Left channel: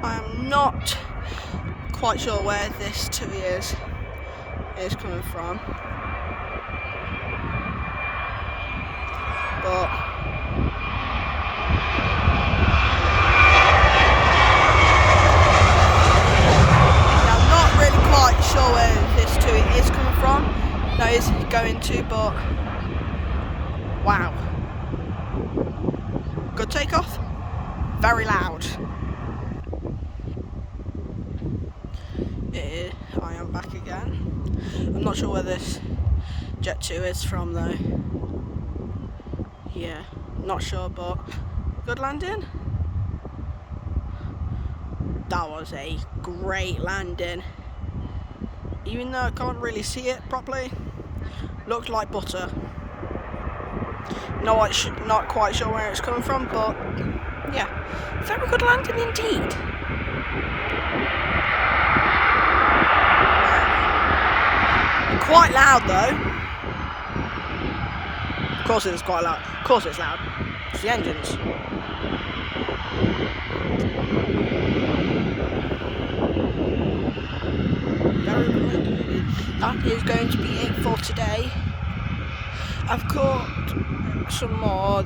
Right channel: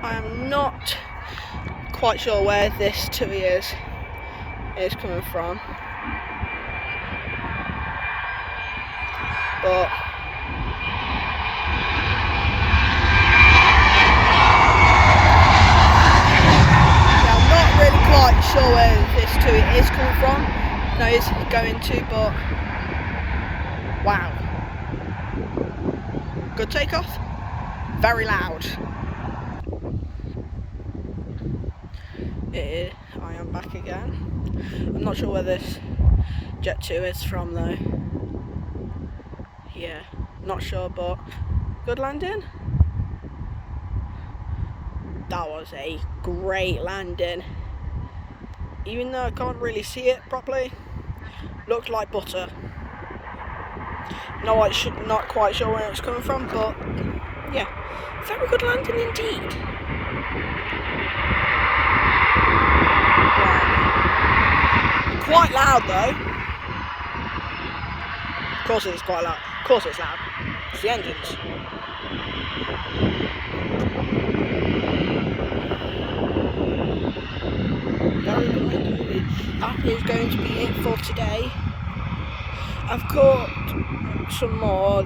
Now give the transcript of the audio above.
I am not quite sure where this tui is coming from, but I'm not really quite sure where this tui is coming from. No, it's going to, but wow, good takeoff, very loud. I am back again. I'm not sure where this Jet 2 is from though. Yeah, not sure, but good landing. That was a great landing. Even though I can't really see it properly, looked like butter. No, not quite sure where it's coming from, but yeah, very good landing indeed. Quite loud though. Of course it was quite loud. Of course it's loud. It's the engines. Very good indeed. That is going to be it for today. I've caught some more